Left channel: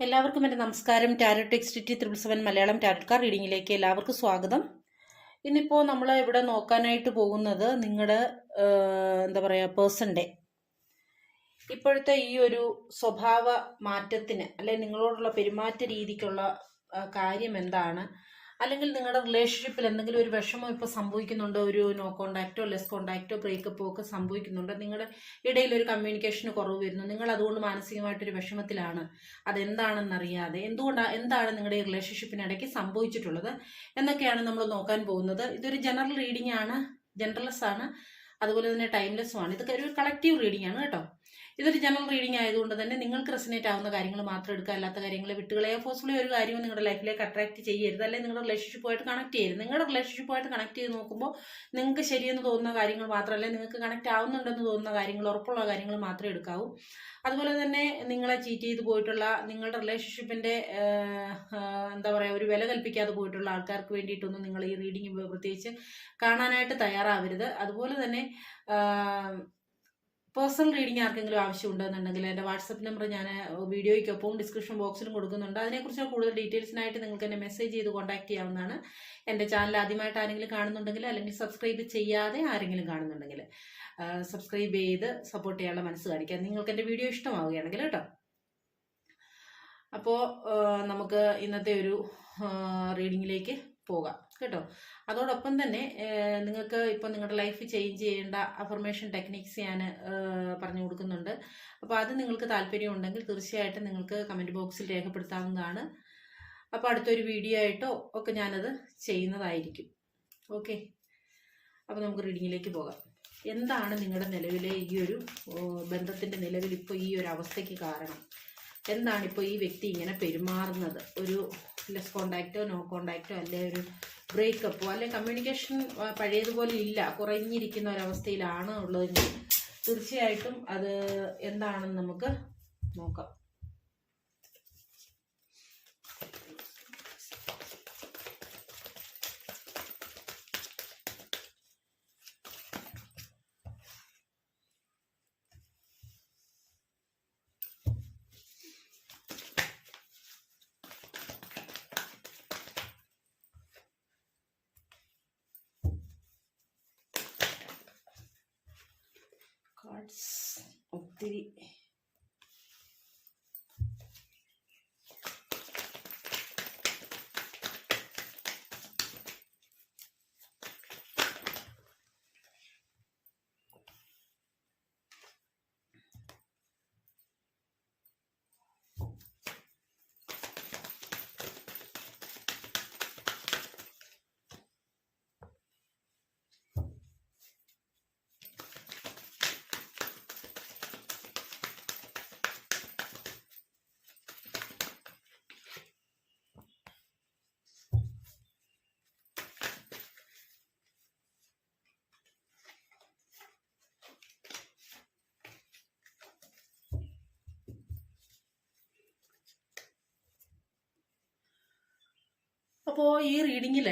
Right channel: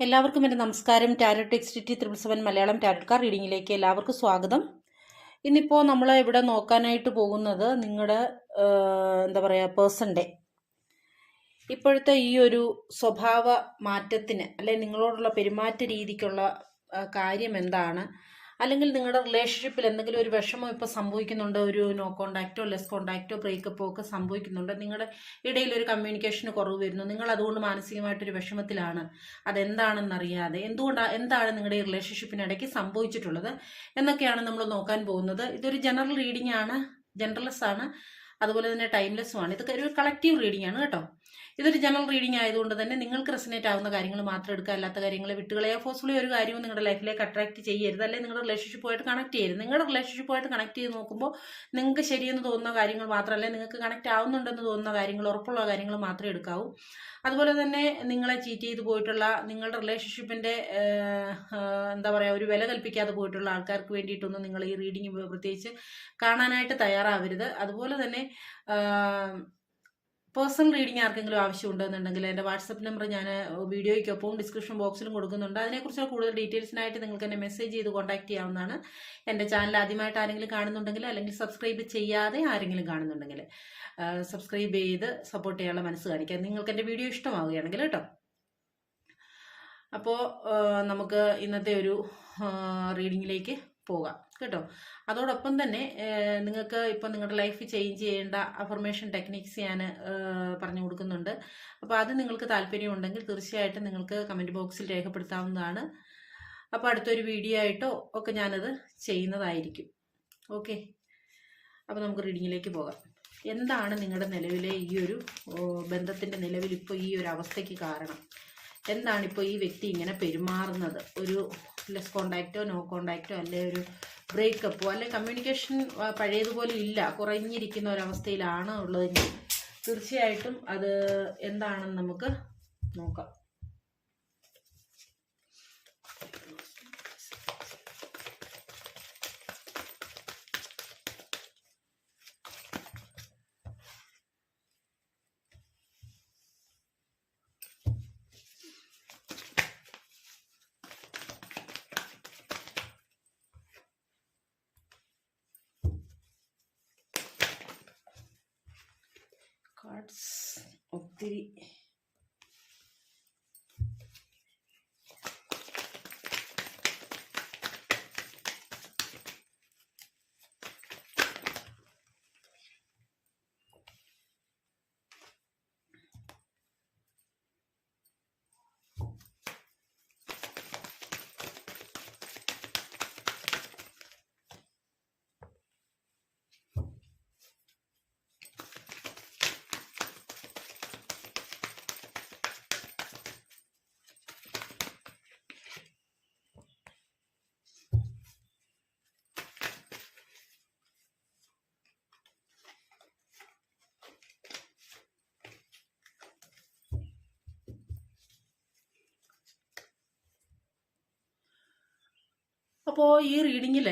എല്ലാവർക്കും എന്റെ നമസ്കാരം. Tarot എക്സ്റ്റിറ്റി triple seven Malayalam tarot card റീഡിങ്ങിലേക്ക് എല്ലാവർക്കും സ്വാഗതം. ഇന്നിപ്പോൾ നമ്മൾ ഇവിടെ നോക്കാനായിട്ട് പോകുന്നത് നിങ്ങളുടെ എന്താ പറയുക പേഴ്സന്റെ ഇപ്പോഴത്തെ ഈ ഒരു സ്വഭാവ മാറ്റത്തിന് അല്ലെ നിങ്ങളോടുള്ള പെരുമാറ്റ രീതിക്കുള്ള കാര്യം എന്താണ്? അല്ലെങ്കിൽ നിങ്ങളുടെ റിലേഷൻഷിപ്പിൽ എന്തെങ്കിലും ഒരു വിഷമം ഇപ്പോൾ സംഭവിക്കുന്നുണ്ട്? ഒരു നോ കോണ്ടാക്റ്റോ ലെസ് കോണ്ടാക്റ്റോ ബ്രേക്കപ്പോ ഒക്കെ സംഭവിക്കുന്നുണ്ട്? നിങ്ങളുടെ ഇടയിൽ ഒരു കമ്മ്യൂണിക്കേഷന് കുറവ് വരുന്നു. നിങ്ങൾ അതുകൊണ്ട് മാനസികമായിട്ടൊരു വിഷമത്തിലാണ്. അതെന്താണെന്നറിയാതെ എന്തുകൊണ്ടാണ് എന്താണ് നിങ്ങളുടെ ഈ റിലേഷൻഷിപ്പിനിടയ്ക്ക് സംഭവിച്ചിട്ടുള്ളത് എന്നൊക്കെയാണ് നമ്മൾ നോക്കാൻ പോകുന്നത്. ഇതൊരു ജനറൽ റീഡിംഗ് ആണ് ജനറൽസ് ആണ്. അതുപോലെ തന്നെ ടൈംലെസ്സും ആണ്. ഇതൊക്കെ ഒരു കളക്റ്റീവ് റീഡിംഗ് ആണ് കേട്ടോ. ഇതൊരു ജനറൽ റീഡിംഗ് ആയതുകൊണ്ട് തന്നെ നിങ്ങൾക്ക് റെസിനേറ്റ് ആവുന്ന കാര്യങ്ങൾ മാത്രം എടുക്കുക. അല്ലാത്ത കാര്യങ്ങൾ വിട്ടുകളെയോ. ഫോഴ്സ്ഫുള്ളി ഒരു കാര്യവും നിങ്ങളുടെ ലൈഫിലേക്ക് അട്രാക്ട് ചെയ്യരുത്. അല്ലെങ്കിൽ നിങ്ങളുടെ റിലേഷൻഷിപ്പുമായിട്ട് കണക്ട് ചെയ്യരുത്. നിങ്ങളുടെ റിലേഷൻഷിപ്പുമായിട്ട് കണക്ട് ചെയ്ത് നോക്കുമ്പോൾ നിങ്ങൾക്ക് ശരിയെന്ന് തോന്നുന്ന കാര്യങ്ങൾ മാത്രമല്ല നിങ്ങൾക്ക് കണക്ട് ആവുന്നുണ്ടെന്ന് തോന്നുന്ന കാര്യങ്ങൾ ഉറപ്പുള്ള കാര്യങ്ങൾ മാത്രമേ എടുക്കാവൂ. അതുപോലെ തന്നെ നിങ്ങളെ ചീറ്റ് ചെയ്ത് പോയിട്ടുള്ള നിങ്ങളുടെ റിലേഷൻഷിപ്പിന്റെ എന്താ പറയുക ഒരു വില കൽപ്പിക്കാതെ പോയിട്ടുള്ള ആൾക്കാർക്ക് വേണ്ടിയിട്ടൊന്നും നിങ്ങൾ ഈ റീഡിംഗ് പ്രത്യേകിച്ച് കാണാനായിട്ട് തയ്യാറാവരുത്. അതുപോലെ തന്നെ പേഴ്സണൽ റീഡിംഗ് ആർക്കെങ്കിലും ആവശ്യമുണ്ടെന്നുണ്ടെങ്കിൽ എന്റെ വാട്സപ്പ് നമ്പർ ഞാൻ വീഡിയോയ്ക്കൊപ്പം ഡിസ്ക്രിപ്ഷൻ ബോക്സിലും കൊടുക്കുന്നുണ്ട്. അതിനെക്കുറിച്ചുള്ള കൂടുതൽ ഡീറ്റെയിൽസിനായിട്ട് നിങ്ങൾക്ക് എന്നെ മെസ്സേജ് ചെയ്ത് കോൺടാക്ട് ചെയ്യാവുന്നതാണ്. എന്റെ ചാനൽ ആദ്യമായിട്ട് ആരെങ്കിലും കാണുന്നുണ്ടെങ്കിൽ അല്ലെങ്കിൽ സബ്സ്ക്രൈബ് ചെയ്യാതെ ആരെങ്കിലും കാണുന്നുണ്ടെങ്കിൽ സബ്സ്ക്രൈബ് ചെയ്ത് സപ്പോർട്ട് ചെയ്യാനുള്ള മനസ്സ് കാണിക്കാം നിങ്ങൾക്ക് എന്റെ വീഡിയോ ഇഷ്ടമാവുകയാണെങ്കിൽ കേട്ടോ. അപ്പോൾ നമുക്ക് ഇന്നത്തെ ഒരു റീഡിങ്ങിലേക്ക് പോകാം. കേട്ടോ. അതോടൊപ്പം തന്നെ നിങ്ങൾക്ക് ഇപ്പം നിങ്ങളുടെ ലൈഫ് ചേഞ്ച് ചെയ്യേണ്ട അഫർമേഷൻ ടെക്നിക്സ് ഞാൻ പറഞ്ഞു കൊടുക്കുന്നുണ്ട്. അപ്പോൾ അത് നിങ്ങൾക്ക് താല്പര്യമുണ്ടെങ്കിൽ തീർച്ചയായിട്ടും നിങ്ങൾക്ക് കമന്റ് ബോക്സിൽ രേഖപ്പെടുത്താവുന്നതാണ്. അപ്പോൾ അടുത്തൊരു വീഡിയോ ആയിട്ടോ ഒക്കെ ഞാനത് ചെയ്യുന്നതായിരിക്കും. ഓക്കെ അപ്പോൾ നമുക്ക് റീഡിങ്ങിലേക്ക് പോകാം. എന്താണ് നിങ്ങളുടെ നിലവിലെ ഈ ഒരു ബന്ധത്തിന്റെ നിലവിൽ ഇപ്പോൾ ഈ ഒരു അവസ്ഥയ്ക്ക് കാരണം? എന്താണ് ഇപ്പോൾ ഈ വ്യക്തി ഇങ്ങനെ പെരുമാറുന്നത്? ഒരു ലെസ് കോണ്ടാക്റ്റോ നോ കോണ്ടാക്റ്റോ അല്ലെ ഒരു ബ്രേക്കപ്പോ അല്ലെ കമ്മ്യൂണിക്കേഷൻ പഴയതുപോലെ ഇല്ല. കുറഞ്ഞിരിക്കുന്ന ഒരവസ്ഥയിലാണ് ഉള്ളതെങ്കിൽ തീർച്ചയായിട്ടും അത് എന്താണെന്ന് നമുക്ക് നോക്കാം. കാർഡ്സ് ഒത്തിരി അപ്പോൾ ഈ റീഡിങ്ങിൽ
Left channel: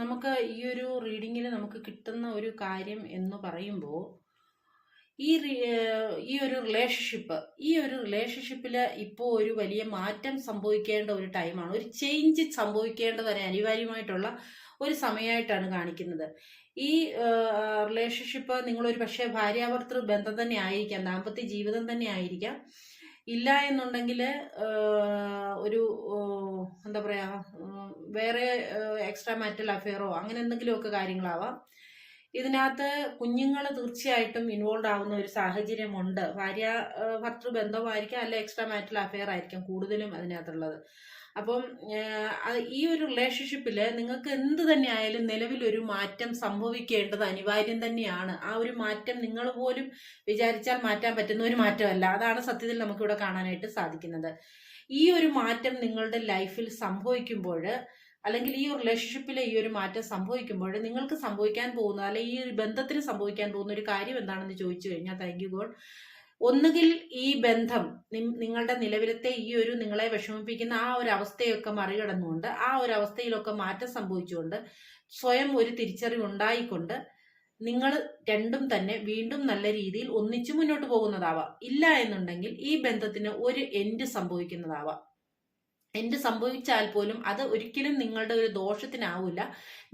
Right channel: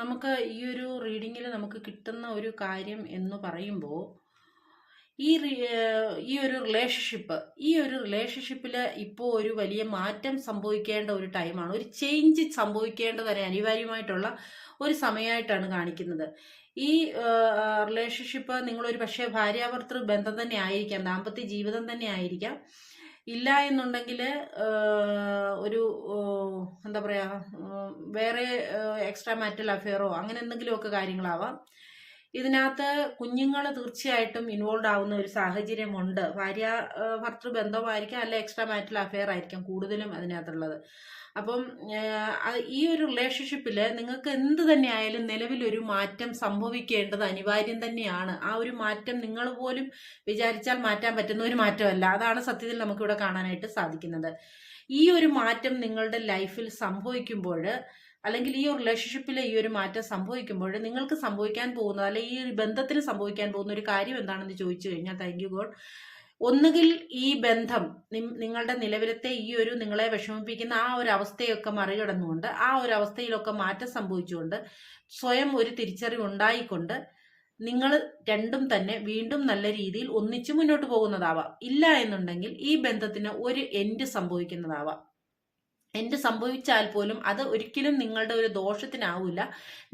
നമുക്ക് ഈ ഒരു റീഡിങ്ങിൽ നമുക്ക് കിട്ടുന്ന ഒരു കാര്യം എന്ന് പറയുമ്പോൾ ഈ ഈ ഒരു റിലേഷൻഷിപ്പ് ഈ ഒരു റിലേഷൻഷിപ്പിൽ ഇപ്പോൾ ഒരു വലിയ മാറ്റം സംഭവിക്കേണ്ട ഒരു ടൈമാണ് ഒരു ചേഞ്ച് സംഭവിക്കേണ്ടത് ഒരു അനിവാര്യമായിട്ടുള്ള ഒരു സമയമായിട്ടാണ് കാണിക്കുന്നത്. ഈ റിലേഷൻഷിപ്പ് നിങ്ങളൊരു പക്ഷേ ഭാര്യാഭർത്തൃ ബന്ധം തന്നെ ആയിരിക്കാം ദാമ്പത്യ ജീവിതം തന്നെ ആയിരിക്കാം. ഇല്ല എന്നുണ്ടെങ്കിൽ ഒരു എന്താ പറയുക വേറെ എക്സ്ട്രാ മാറ്റൽ അഫെയറോ അങ്ങനെ എന്തെങ്കിലുമൊക്കെ കാര്യങ്ങളാവാം. ഇതിനകത്ത് കുഞ്ഞുങ്ങൾ തീർച്ചയായിട്ടും ഇൻവോൾവ് ആവുന്ന ഒരു സാഹചര്യമുണ്ട്. ഭാര്യ ഭർത്തൃ ബന്ധമായിരിക്കാം അല്ലെ എക്സ്ട്രാ മാറ്റൽ അഫെയർ ആയിരിക്കാം കൂടുതലും അതിനകത്തുള്ളത്. അപ്പം ഈ ഒരു റിലേഷൻഷിപ്പിൽ നിങ്ങൾക്ക് എന്ത് തന്നെ ആയാലും നിലവിലൊരു മാറ്റം സംഭവിക്കേണ്ടത് അനിവാര്യം തന്നെയാണ്. ആ ഒരു മാറ്റം നിങ്ങൾ പോലും വിചാരിച്ചാൽ മാറ്റാൻ പറ്റുന്ന ഒരു മാറ്റമല്ല. അതാണ് സത്യത്തിൽ നമുക്കിവിടെ കാണാനായിട്ട് സാധിക്കുന്നത്. ഈ ഒരു മാറ്റം നിങ്ങളുടെ ലൈഫിൽ സംഭവിക്കുമ്പോൾ അല്ലെങ്കിൽ ഈ റിലേഷൻഷിപ്പിലെ ഈ ഒരു മാറ്റം സംഭവിക്കുമ്പോൾ നിങ്ങൾക്ക് സംഭവിക്കാൻ പോകുന്ന അല്ലെങ്കിൽ ഈ ബന്ധത്തിന് സംഭവിക്കാൻ പോകുന്ന ഒരു കാര്യം എന്താണെന്ന് ചോദിച്ചു കഴിഞ്ഞാൽ താങ്ക് യു ഗോഡ് ഒന്നുകിൽ ഈ ബന്ധം നിങ്ങളുടെ നിലവിലത്തെ ഈ ഒരു നിങ്ങളെ വിഷമിപ്പിക്കുന്ന ആ ഒരു അവസ്ഥയൊക്കെ മറികടന്നുകൊണ്ട് ആ ഒരു അവസ്ഥയിലൊക്കെ മാറ്റം സംഭവിച്ചുകൊണ്ട് സ്വയം ഒരു തിരിച്ചറിവ് ഉണ്ടായിക്കൊണ്ട് നിങ്ങൾ രണ്ടും തന്നെ വീണ്ടും നല്ല രീതിയിൽ ഒന്നിച്ചു മുന്നോട്ട് പോകുന്നതാവാം. ഇല്ല എന്നുണ്ടെങ്കിൽ ഈ ബന്ധത്തിന് ഒരു എൻഡ് സംഭവിക്കുന്നതാവാം. എന്ത് സംഭവിച്ചാൽ പോലും അത് ഒരിക്കലും നിങ്ങളുടെ ഒരു ദോഷത്തിനാവില്ല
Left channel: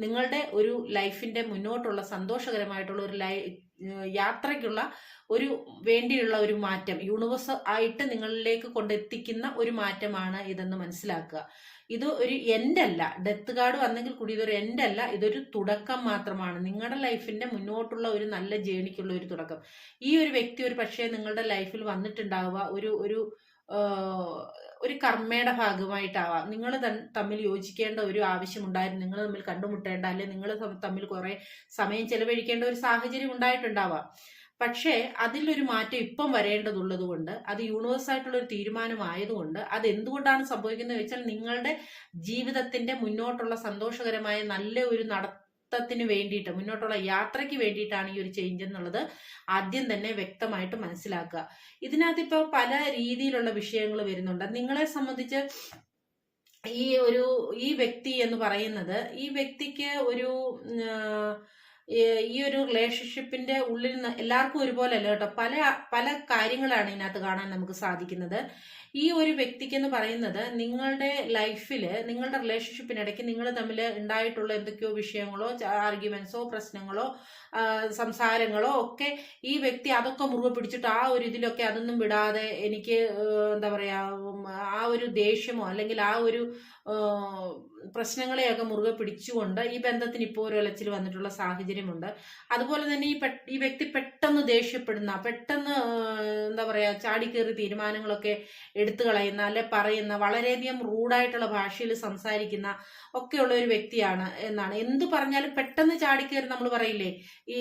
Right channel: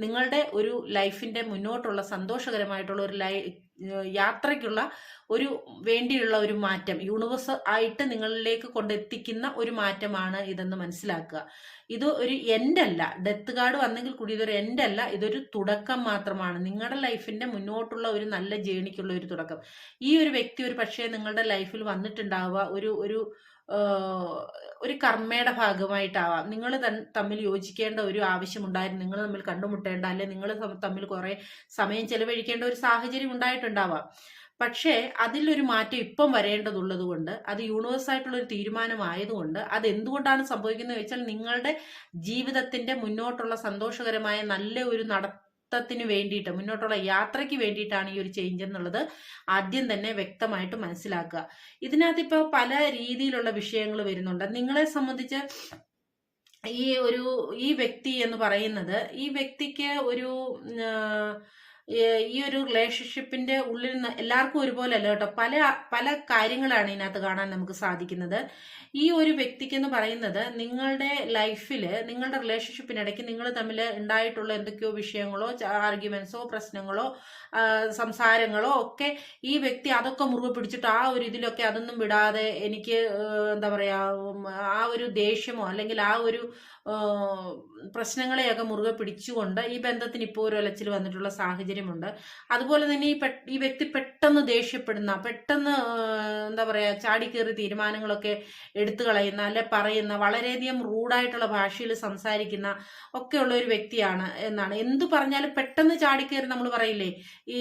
നിങ്ങളുടെ ഒരു ലൈഫിന്റെ മുന്നോട്ടുള്ള സന്തോഷകരമായിട്ടുള്ള ഒരു ലൈ യാത്രയ്ക്കുള്ള ഒരു വേണ്ടിയുള്ള ഒരു മാറ്റം യൂണിവേഴ്സ് ആയിട്ട് നിങ്ങളിലേക്ക് കൊണ്ടെത്തിക്കുന്ന ഒരു മാറ്റമാണ് ഇതെന്ന് മനസ്സിലാക്കുക. ഇത് ഒരു എൻഡ് അല്ല. ഡെത്ത് കാർഡ് വന്നെങ്കിൽ കൂടി ഇതൊരു എൻഡ് അല്ല. ഇതൊരു തുടക്കം മാത്രമാണ്. നിങ്ങളുടെ ലൈഫിന്റെ മുന്നോട്ടുള്ള ഒരു നല്ല ജേണിക്കുള്ള ഒരു തുടക്കം. ഈ ഒരു വ്യക്തി ഒരു പക്ഷേ നിങ്ങളുടെ ലൈഫിൽ വന്നിട്ടുണ്ടാവുക ഒരു ഒരു ഒരു കർമ്മയുടെ ഭാഗമായിട്ടാവാം. നിങ്ങൾ തമ്മിൽ യോജിക്കേണ്ട ഒരു ആവശ്യമുണ്ടായിരുന്നു നിങ്ങൾ തമ്മിൽ കണ്ടുമുട്ടേണ്ട അല്ലെ നിങ്ങൾ തമ്മിൽ കുറെ സമയം ചെലവഴിക്കേണ്ട ഒരു സാഹചര്യം ഉണ്ടായിട്ടുണ്ടാവാം. പക്ഷേ അതിലൊരു മാറ്റം ഇപ്പം വരേണ്ടതുള്ളത് കൊണ്ട് അത് യൂണിവേഴ്സ് ആയിട്ടുള്ള ഒരു തീരുമാനമായതുകൊണ്ട് അത് എന്തുകൊണ്ടാണ് സംഭവിക്കുന്നത് വെച്ചാൽ നിങ്ങളുടെ ജീവിതത്തിന്റെ മുന്നോട്ടുള്ള സന്തോഷകരമായ നല്ല ഒരു നടത്തത്തിന് വേണ്ടിയിട്ട് മുന്നോട്ടുള്ള യാത്രയ്ക്ക് വേണ്ടിയിട്ടാണ് ഈ ഒരു ചേഞ്ച് എന്നുള്ളത് ആദ്യം തന്നെ വ്യക്തമായിട്ട് മനസ്സിലാക്കുക. ഇതിനകത്ത് ഇപ്പോൾ പല രീതിയിലുള്ള വിഷയങ്ങൾ വരുന്നുണ്ട്. നിങ്ങളെ സംബന്ധിച്ച് ഈ ഒരു ഈ വ്യക്തി എന്ന് പറയുന്നത് ഈ വ്യക്തിക്ക് ഒരു ഈ- ഒരു റിലേഷൻഷിപ്പിന്റെ ഉള്ളിൽ എല്ലാവർക്കും ഒരുപോലെ അല്ല കേട്ടോ. പല പല കാര്യങ്ങളാണ് ഇതിനകത്ത് കാണാൻ നമുക്ക് സാധിക്കുന്നത്. ഈ ഒരു വ്യക്തിക്ക് എന്ന് പറയുന്നത് നിങ്ങളുടെ ലൈഫിൽ നിങ്ങളുടെ റിലേഷൻഷിപ്പിനിടയ്ക്ക് നിങ്ങൾ തമ്മിൽ ഉണ്ടായിട്ടുള്ള എന്തൊക്കെയോ വിഷയങ്ങളോ ആർഗ്യുമെന്റ്സോ പ്രശ്നങ്ങളോ സംസാരങ്ങളോ ഒക്കെ ഈ വ്യക്തി അതൊക്കെ മുറുകെ പിടിച്ചിട്ട് ആ ഒരു ഇതിലൊക്കെ അതൊന്നും വിടാതെ എനിക്ക് എന്താ പറയാ ആ ഒരു ദേഷ്യമോ അല്ലെങ്കിൽ ആ ഒരു പ്രശ്നങ്ങളെയൊക്കെ മുറുകെ പിടിച്ചുകൊണ്ട് ഈ ബന്ധത്തിന് ഇപ്പോൾ ഒരു ഒലച്ചിൽ വന്നിട്ടുള്ള സാഹചര്യമുണ്ട്. അതുപോലെ തന്നെ ഈ ഈ വ്യക്തി പെട്ടെന്ന് ദേഷ്യപ്പെടുന്ന പെട്ടെന്ന് എന്താ പറയാ ചാടിക്കേറി തീരുമാനങ്ങളൊക്കെ എടുത്തു കളയുന്ന അല്ലെ പറയുന്ന വളരെയധികം റൂഡായിട്ടുള്ള ഭാഷയിൽ സംസാരിക്കുന്ന ഒക്കെയുള്ള ഒരു വ്യക്തിയാണ് എന്നാണ്. എന്ത് പറഞ്ഞാലും പെട്ടെന്ന് ചാടിക്കയറി നമ്മൾ പറയില്ലേ ഈ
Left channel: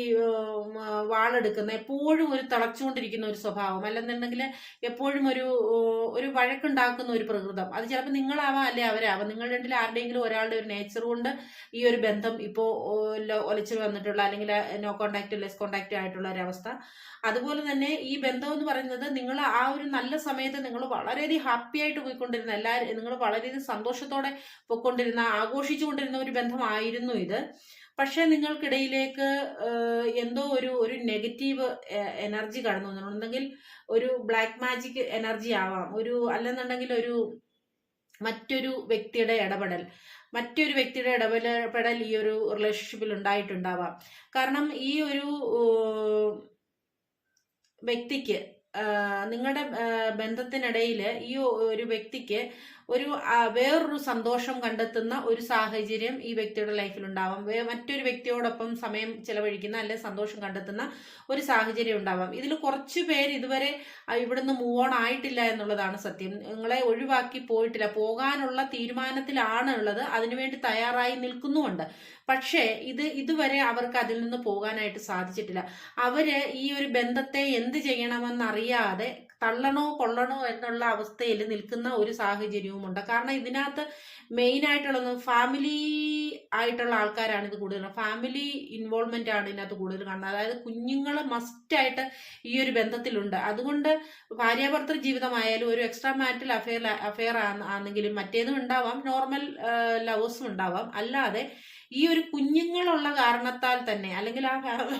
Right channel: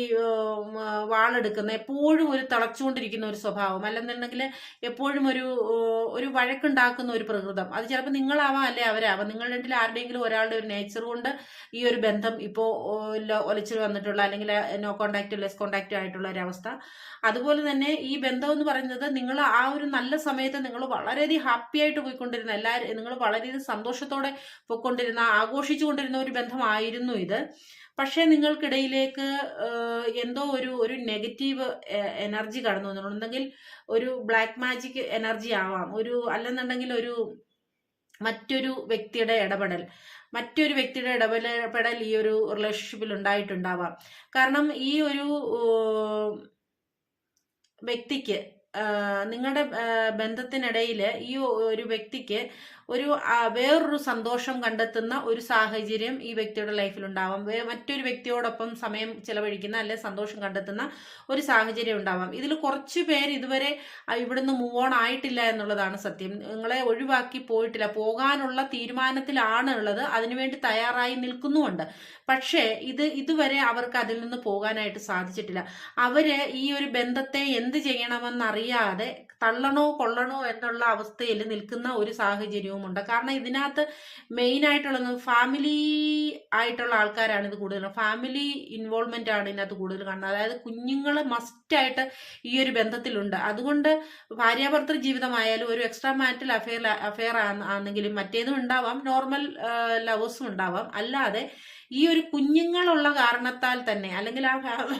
വാളെടുക്കുന്ന എപ്പോഴും ഒരു തിളച്ചുകൊണ്ടിരിക്കുന്ന ഒരു സ്വഭാവം. അല്ലെന്നുണ്ടെങ്കിൽ എപ്പോഴും ഒരു ഒരു വഴക്കുണ്ടാക്കുന്ന ഒരു പ്രകൃതം. അത് ചിലപ്പോൾ നിങ്ങളാവാം അല്ലെ അവരാവാം നിങ്ങൾ രണ്ടിൽ ആരുടെയെങ്കിലും ഒരാളുടെ ഒരു നേച്ചർ കൊണ്ട് ഈ ഒരു ബന്ധം ഇപ്പോൾ ഒലച്ചിൽ വന്നിട്ടുള്ള അല്ലെങ്കിൽ നോ കോണ്ടാക്ട് ലെസ് കോണ്ടാക്ട് ആയിട്ടുള്ള ഒരു അവസ്ഥ. അതുപോലെ തന്നെ ഈ ബന്ധം എന്ന് പറയുന്നത് നിങ്ങൾ ആ ഒരു നല്ല സമയത്ത് നിങ്ങൾ വളരെയധികം ഹാപ്പി ആയിട്ട് പോയിക്കൊണ്ടിരുന്ന എല്ലാവരും നിങ്ങൾ വളരെയധികം സന്തോഷത്തോടെ പോയിക്കൊണ്ടിരുന്ന ആഘോഷിച്ചുകൊണ്ടിരുന്ന ഒരു ബന്ധമായിരുന്നു ഇത്. പക്ഷേ നിങ്ങൾക്കിടയിലേക്ക് എന്തോ ഒരു ഒരു നെഗറ്റീവ് എനർജി കടന്നു വന്നിട്ടുണ്ടെങ്കിൽ ഒരു ബ്ലാക്ക് മാജിക് എനർജി ആവാം. ഒരു അല്ലെന്നുണ്ടെങ്കിൽ ഒരു മറ്റൊരു വ്യക്തിയുടെ ഇടപെടൽ മറ്റൊരു വ്യക്തിയുടെ ഇടപെടൽ ഈ ഒരു റിലേഷൻഷിപ്പിൽ ഉണ്ടായിട്ടുണ്ടാവാം. കാരണം ഈ ഒരു വ്യക്തിക്ക് നിങ്ങളുടെ ബന്ധത്തിനിടയിൽ ഈ ഒരു വ്യക്തിക്ക് ഒരു വേറൊരു സന്തോഷം കണ്ടെത്തുന്ന ഒരു സാഹചര്യം ഈ വ്യക്തിയുടെ ലൈഫിൽ ഉണ്ടാവാം. മറ്റൊരു വ്യക്തിയോടൊപ്പം സമയം ചിലവഴിക്കുന്ന അല്ലെ സന്തോഷം കണ്ടെത്തുന്ന ഒരു സാഹചര്യം ഉണ്ടാവാം. ഇതിൽ കുറച്ച് പേര് ഇതുവരെ ഇവിടുന്ന് മൂവ് ഓൺ ആയിട്ടില്ല എന്നുള്ളതാണ് സത്യം. നിങ്ങളെ ഒഴിവാക്കി പോയിട്ടില്ല. പോകാനുള്ള തീരുമാനത്തിലാണ് ഉള്ളത്. അതിനുവേണ്ടി തയ്യാറായി നിൽക്കുന്നുമുണ്ട്. പക്ഷേ ഇത് ഇതുവരെ അവർക്ക് അതിൽ നിന്ന് പോകാനായിട്ട് സാധിച്ചിട്ടില്ല. അവർ ഈ ഒരു ബന്ധത്തെ എന്ത് ചെയ്യണമെന്നറിയാതെ തള്ളണോ കൊള്ളണോ എന്നുള്ള അവസ്ഥയിൽ നിൽക്കുന്ന ഒരു സാഹചര്യവുമുണ്ട് കാരണം ഇതിനകത്ത് മെയിൻ ആയിട്ടുള്ളത് ഫാമിലി ആയിട്ടുള്ള ആൾക്കാരാണ് ഇത് കൂടുതൽ ഫാമിലി ഇൻവോൾവ്മെന്റ് ആണ് ഇതിനകത്ത് കൂടുതൽ കാണുന്നത്. അതായത് കുഞ്ഞുങ്ങൾ മസ്റ്റായിട്ട് ഈ ഒരു ബന്ധത്തിലുണ്ട്. അതുകൊണ്ട് ഭാര്യാഭർത്തൃ ജീവിതമായാലും ഒരു എക്സ്ട്രാ മാരിറ്റൽ അഫെയർ അഫെയർ ആണെങ്കിലും മറ്റേതും ഉണ്ടാവാം. നോർമൽ ലവേഴ്സും ഉണ്ടാവാം. അല്ലാതെ ഈ ഒരു കുഞ്ഞുങ്ങളുള്ള കാരണത്താൽ തന്നെ അല്ലെങ്കിൽ ആ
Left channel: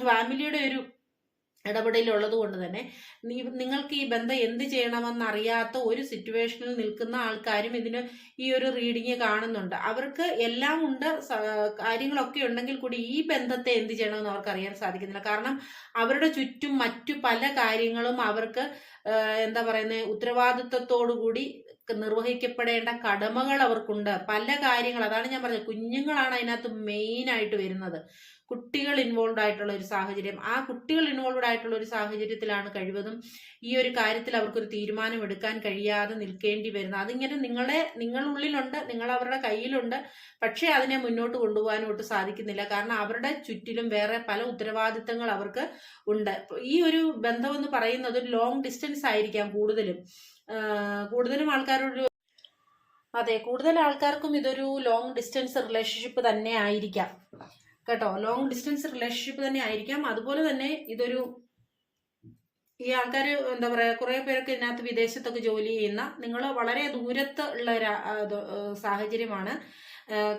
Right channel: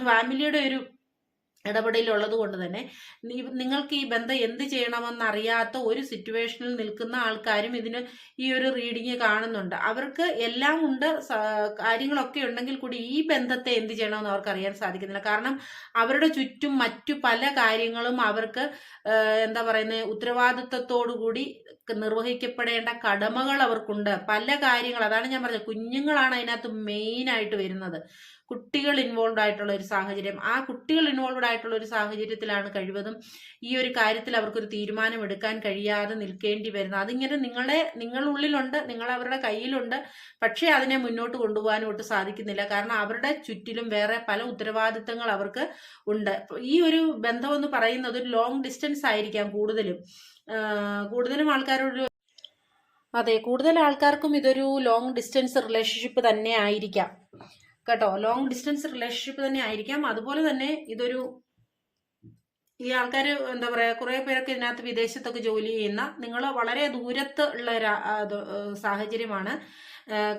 ഫാമിലിയുടെ ഒരു ഇടപെടലുള്ളത് കൊണ്ട് തന്നെ നിങ്ങൾക്ക് ഈ ബന്ധം എന്ത് ചെയ്യണമെന്ന് അറിയാത്ത ഒരു സിറ്റുവേഷനിൽ നിൽക്കുന്ന ആൾക്കാരും ഇതിന് ഈ ഒരു റീഡിങ് കാണുന്നുണ്ട്. അവർക്ക് എല്ലാം ഉണ്ട് കാര്യങ്ങളൊക്കെ ഉണ്ടെങ്കിൽ കൂടി ഈ ബന്ധത്തെ എന്ത് ചെയ്യണമെന്ന് അവർക്ക് അറിയാൻ സാധിക്കുന്നില്ല. കാരണം അവരുടെ ചുറ്റും മറ്റു പല കാര്യങ്ങളും അവർക്ക് എന്താ പറയുന്നത് ഉത്തരവാദിത്വത്തോടു കൂടി നിർവഹിക്കപ്പെടേണ്ട കടമകൾ അവർക്കുണ്ട്. പല കാര്യങ്ങൾ അതാണ് ഞാൻ പറഞ്ഞത് കുഞ്ഞുങ്ങളാണ് അതിനകത്ത് മെയിൻ ആയിട്ട് വരുന്നത്. കുട്ടികൾ ഇൻവോൾവ് ആയിട്ടുള്ള ഒരു സാഹചര്യം. ആ കുട്ടികൾ ഇൻവോൾവ് ആയിട്ടുള്ള ഒരു സാഹചര്യത്തിലാണ് കഴിവതും ഈ ഒരു കാര്യത്തിൽ അവർക്കൊരു തീരുമാനം എടുക്കാൻ കഴിയാതെ നിൽക്കേണ്ടി വരുന്നത്. അതിങ്ങനെ നിങ്ങളെ നിങ്ങളുള്ളിലുണ്ട് നിങ്ങൾ അവരുടെ കയ്യിലുണ്ട് പക്ഷേ അതിനെ മുന്നോട്ട് കൊണ്ടുപോകാനോട്ട് സാധിക്കുന്നില്ല. കാരണം അവരുടെ ചുറ്റിലും വേറെ പല ഉത്തരവാദിത്തങ്ങൾ അവർക്ക് ഉണ്ട്. ഈ ഒരു ബന്ധമെന്ന് പറയുന്നത് ഒരു ലോങ് ഡിസ്റ്റൻസ് ആയിരിക്കാം കൂടുതലും. കൂടുതലും ആൾക്കാരോട് അതെ കൂടുതൽ ആൾക്കാർക്കും ഇതൊരു ലോങ് ഡിസ്റ്റൻസ് റിലേഷൻഷിപ്പ് തന്നെ ആയിരിക്കാം. കേട്ടോ? ലോങ് ഡിസ്റ്റൻസ് റിലേഷൻഷിപ്പ് തന്നെ ആയിരിക്കാം. അതുപോലെ തന്നെ ഇതൊരു ഈ ആൾക്കാർ എന്താ പറയുക കുറേ പേരൊക്കെ ഇതിനകത്ത് വിദേശത്തൊക്കെ ജോലി ചെയ്യുന്ന നിങ്ങൾ വളരെ ദൂരത്ത് ഉള്ള ഒരു സാഹചര്യമാണ്.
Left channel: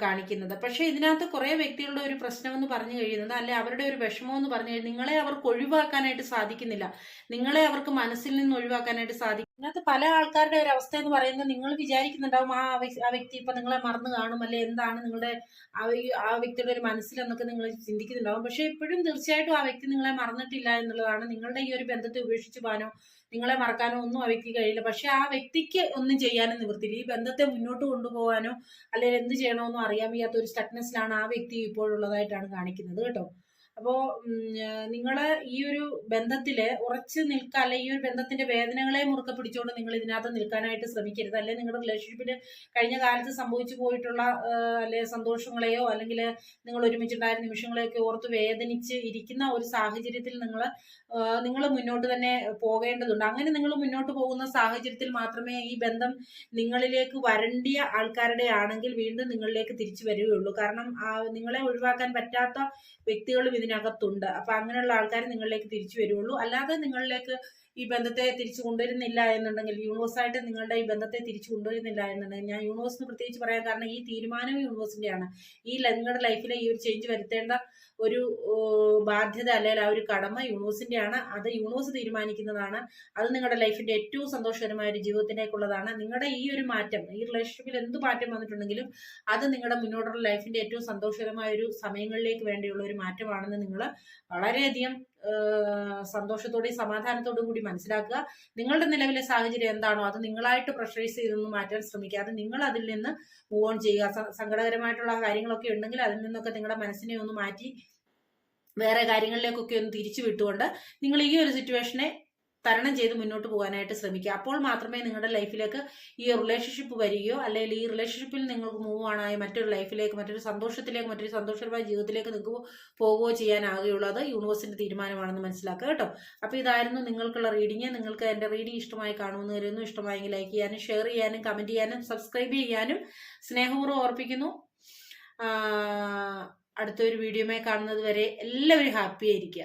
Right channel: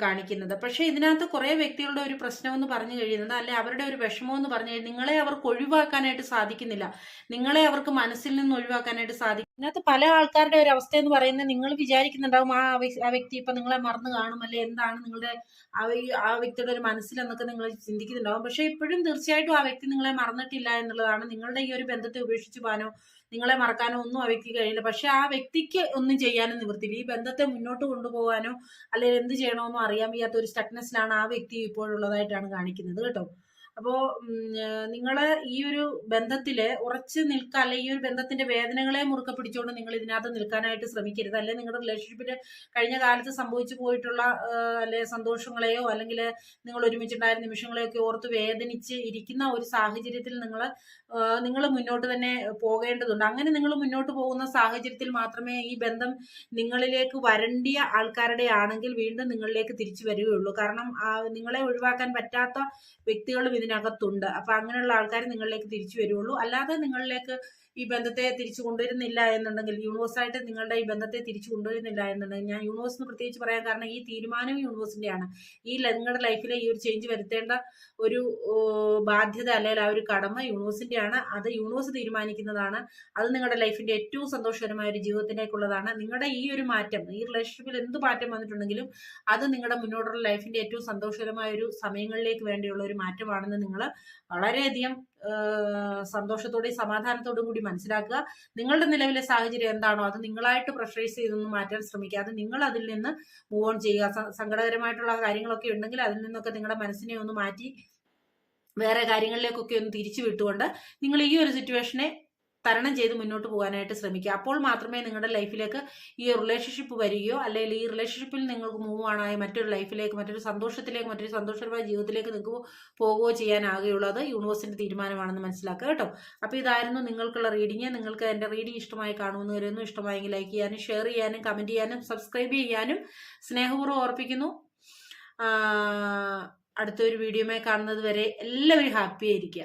കാണിക്കുന്നത്. പക്ഷേ ഇതിനകത്ത് കുറേ വ്യക്തികളുടെ ഒരു പ്രശ്നം എന്ന് പറഞ്ഞു കഴിയുന്നത് അല്ലെ അവരുടെ ഒരു വിഷമം എന്ന് പറഞ്ഞു കഴിഞ്ഞാൽ നിങ്ങളെ അവർക്ക് ഒഴിവാക്കാനായിട്ട് സാധിക്കുന്നില്ല. നിങ്ങളെ അവർക്ക് മനസ്സിൽ നിന്ന് ഒഴിവാക്കാനായിട്ട് സാധിക്കും. ഇതിനകത്ത് പല ആൾക്കാരുടെ ഒരു അവസ്ഥ എന്ന് പറയുന്നത് നിങ്ങൾ വിചാരിക്കുന്നുണ്ടാവും ആ ആ വ്യക്തി ഇപ്പൊ നിങ്ങളെ മറന്നു കാണും അല്ലെ എന്താണ് നിങ്ങളുടെ ആ വ്യ- ആ വ്യക്തിയുടെ ഒരു മനസ്സിൽ എന്നൊക്കെ നിങ്ങൾ ചിന്തിക്കുന്നുണ്ടാവും. പക്ഷേ ഇപ്പോഴും തീർച്ചയായിട്ടും ആ വ്യക്തി നിങ്ങളെ മറന്നിട്ടില്ല എന്നുള്ളതാണ് നിങ്ങളുടെ ഈ ഒരു ബന്ധത്തെ ഉപേക്ഷിച്ച് പോകാനോ നിങ്ങളെ മറക്കാനോ ഒന്നും ആ വ്യക്തിക്ക് കഴിയില്ല. പക്ഷെ ആ വ്യക്തിക്ക് ഒന്നും ചെയ്യാനും നിവൃത്തിയില്ല. ഈ ബന്ധത്തെ മുന്നോട്ട് കൊണ്ടുപോകാനോ അല്ലെങ്കിൽ എന്ത് ചെയ്യണമെന്നോ അറിയാൻ വയ്യാത്ത ഒരു സ്റ്റക്നെസ്സിലാണ് ആ വ്യക്തി ഇപ്പോഴുള്ളതായിട്ടാണ് കാണിക്കുന്നത് കേട്ടോ. അപ്പോൾ നിങ്ങൾ ഈ ഒരു ബന്ധത്തിൽ ഉറച്ച് നിൽക്കുക അല്ലെ ഈ ഒരു ബന്ധത്തിന്റെ വേദനകളെ മുറുക്കെ പിടിച്ചുകൊണ്ട് നിങ്ങൾ ഇതിനകത്ത് നിൽക്കാനായിട്ട് ശ്രമിക്കരുത്. അല്ലെ നിങ്ങളുടെ റിലേഷൻഷിപ്പിൽ കഴിഞ്ഞ കാലത്ത് സംഭവിച്ചു പോയിട്ടുള്ള അല്ലെ സന്തോഷങ്ങളെയോ അല്ലെങ്കിൽ നിങ്ങൾ ഒരുമിച്ചുണ്ടായ നിമിഷങ്ങളെയൊക്കെ ഓർത്ത് വേദനിച്ച് ഇരിക്കുന്ന ഒരു സാഹചര്യത്തിൽ നിങ്ങൾ നിങ്ങൾ മുന്നോട്ട് തന്നെ പോകേണ്ടതുണ്ട്. അങ്ങനെ നിങ്ങൾ മുന്നോട്ട് പോകുന്ന സാഹചര്യത്തിൽ മാത്രമേ ഈ ബന്ധം നിങ്ങളിലേക്ക് വരണ്ടിയ ആൾക്കാരുടെ ആണെങ്കിൽ വീണ്ടും നിങ്ങളിലേക്ക് തിരിച്ചു വരികയുള്ളൂ. കാരണം നിങ്ങളെ ഒഴിവാക്കാൻ പറ്റാത്ത വ്യക്തികളും ഇതിനകത്തുണ്ട്. അപ്പൊ അങ്ങനെയുള്ള ആൾക്കാർ നിങ്ങളിലേക്ക് തിരിച്ചു വരുള്ളൂ അല്ലാതെ നിങ്ങളിലേക്ക് ഈ ബന്ധത്തെ തിരിച്ചു കൊണ്ടുവരുന്നില്ല എന്നുണ്ടെങ്കിൽ യൂണിവേഴ്സായിട്ട് നിങ്ങളുടെ ഈ ബന്ധത്തെ തിരിച്ചു കൊണ്ടുവരുന്നില്ല എന്നുണ്ടെങ്കിൽ ഞാൻ യൂണിവേഴ്സിന് പ്രത്യേകിച്ച് പറയാൻ കാരണം ഈ തീരുമാനം യൂണിവേഴ്സിന്റെയാണ് ഈ നിങ്ങളുടെ ലൈഫിലെ ഈ ഒരു ചേഞ്ച് വരുത്തേണ്ട ഒരു ബാധ്യത അല്ലെങ്കിൽ ആ ഒരു കടമ യൂണിവേഴ്സിന്റെയാണ് അത് യൂണിവേഴ്സ് തീരുമാനിക്കുന്നതാണ്. അത് നിങ്ങളുടെ ലൈഫിന്റെ ഏറ്റവും സന്തോഷകരമായ ഒരു ജീവിതത്തിലേക്കുള്ളതാണ്. നിങ്ങളുടെ ഈ ഒരു മാറ്റം ഈ റിലേഷൻഷിപ്പിൽ എന്ത് മാറ്റം വന്നിട്ടുണ്ടെങ്കിലും അത് നിങ്ങളുടെ മുന്നോട്ടുള്ള ലൈഫിന്റെ ഏറ്റവും സന്തോഷകരമായ ഒരു സമയങ്ങളിലേക്ക് വേണ്ടിയുള്ള ഒരു മാറ്റമാണെന്ന് നിങ്ങൾ വളരെയധികം സന്തോഷത്തോടെയും സമാധാനത്തോടും കൂടി മനസ്സിലാക്കുക. നിങ്ങളുടെ നിലവിലെ സാഹചര്യം എന്താണോ അത് നിങ്ങളായിട്ട് പ്രഷറൈസ് ചെയ്തൊന്നും മാറ്റാൻ ശ്രമിക്കാതെ നിങ്ങൾ അതിൽ നിന്ന് മൂവ് ഓൺ ചെയ്യുക. സങ്കടകരമായിട്ടുള്ള കാര്യങ്ങളൊക്കെ ഉണ്ടെങ്കിൽ അതിൽ നിന്നൊക്കെ നിങ്ങളുടെ മനസ്സിനെ ഒന്ന് മാറ്റി വേറെ കാര്യങ്ങളിലേക്കൊക്കെ ഒന്ന് തിരിച്ചു വിട്ടുകൊണ്ട് നിങ്ങൾ ഈ ഒരു സിറ്റുവേഷനെ തരണം ചെയ്ത് മുന്നോട്ട് പോകാനായിട്ട് ശ്രമിക്കുക. അപ്പോൾ മാത്രമേ നിങ്ങളുടെ ലൈഫിലേക്ക് ഈ റിലേഷൻഷിപ്പ് വരികയോ അല്ലെങ്കിൽ ഈ റിലേഷൻഷിപ്പിൽ നിങ്ങൾക്ക് മൂവ് ആണായി മറ്റൊരു ലൈഫിലേക്ക് മറ്റൊരു സന്തോഷത്തിലേക്ക് മറ്റൊരു സന്തോഷപരമായ ജീവിതത്തിലേക്ക് നിങ്ങൾക്ക് പോകുകയോ ചെയ്യാനാകുകയുള്ളൂ. അത് യൂണിവേഴ്സിന്റെ തീരുമാനമാണെന്ന് മനസ്സിലാക്കുക കേട്ടോ. അപ്പോൾ ഇതായിരുന്നു നിങ്ങൾക്കുള്ള റീഡിങ് നിങ്ങൾക്ക് എന്റെ റീഡിങ് ഇഷ്ടമായി കാണുമെന്ന് വരുന്നു ഇഷ്ടമായെങ്കിൽ ലൈക്ക് ചെയ്യാനും ഷെയർ ചെയ്യാനും കമന്റ് ചെയ്യാനും സബ്സ്ക്രൈബ് ചെയ്യാനും സ്നേഹപൂർവം ഓർപ്പിക്കുന്നു. അടുത്തൊരു വീഡിയോമായി കാണുന്നത് വരെ എല്ലാവരും ഹാപ്പി ആയിരിക്കുക.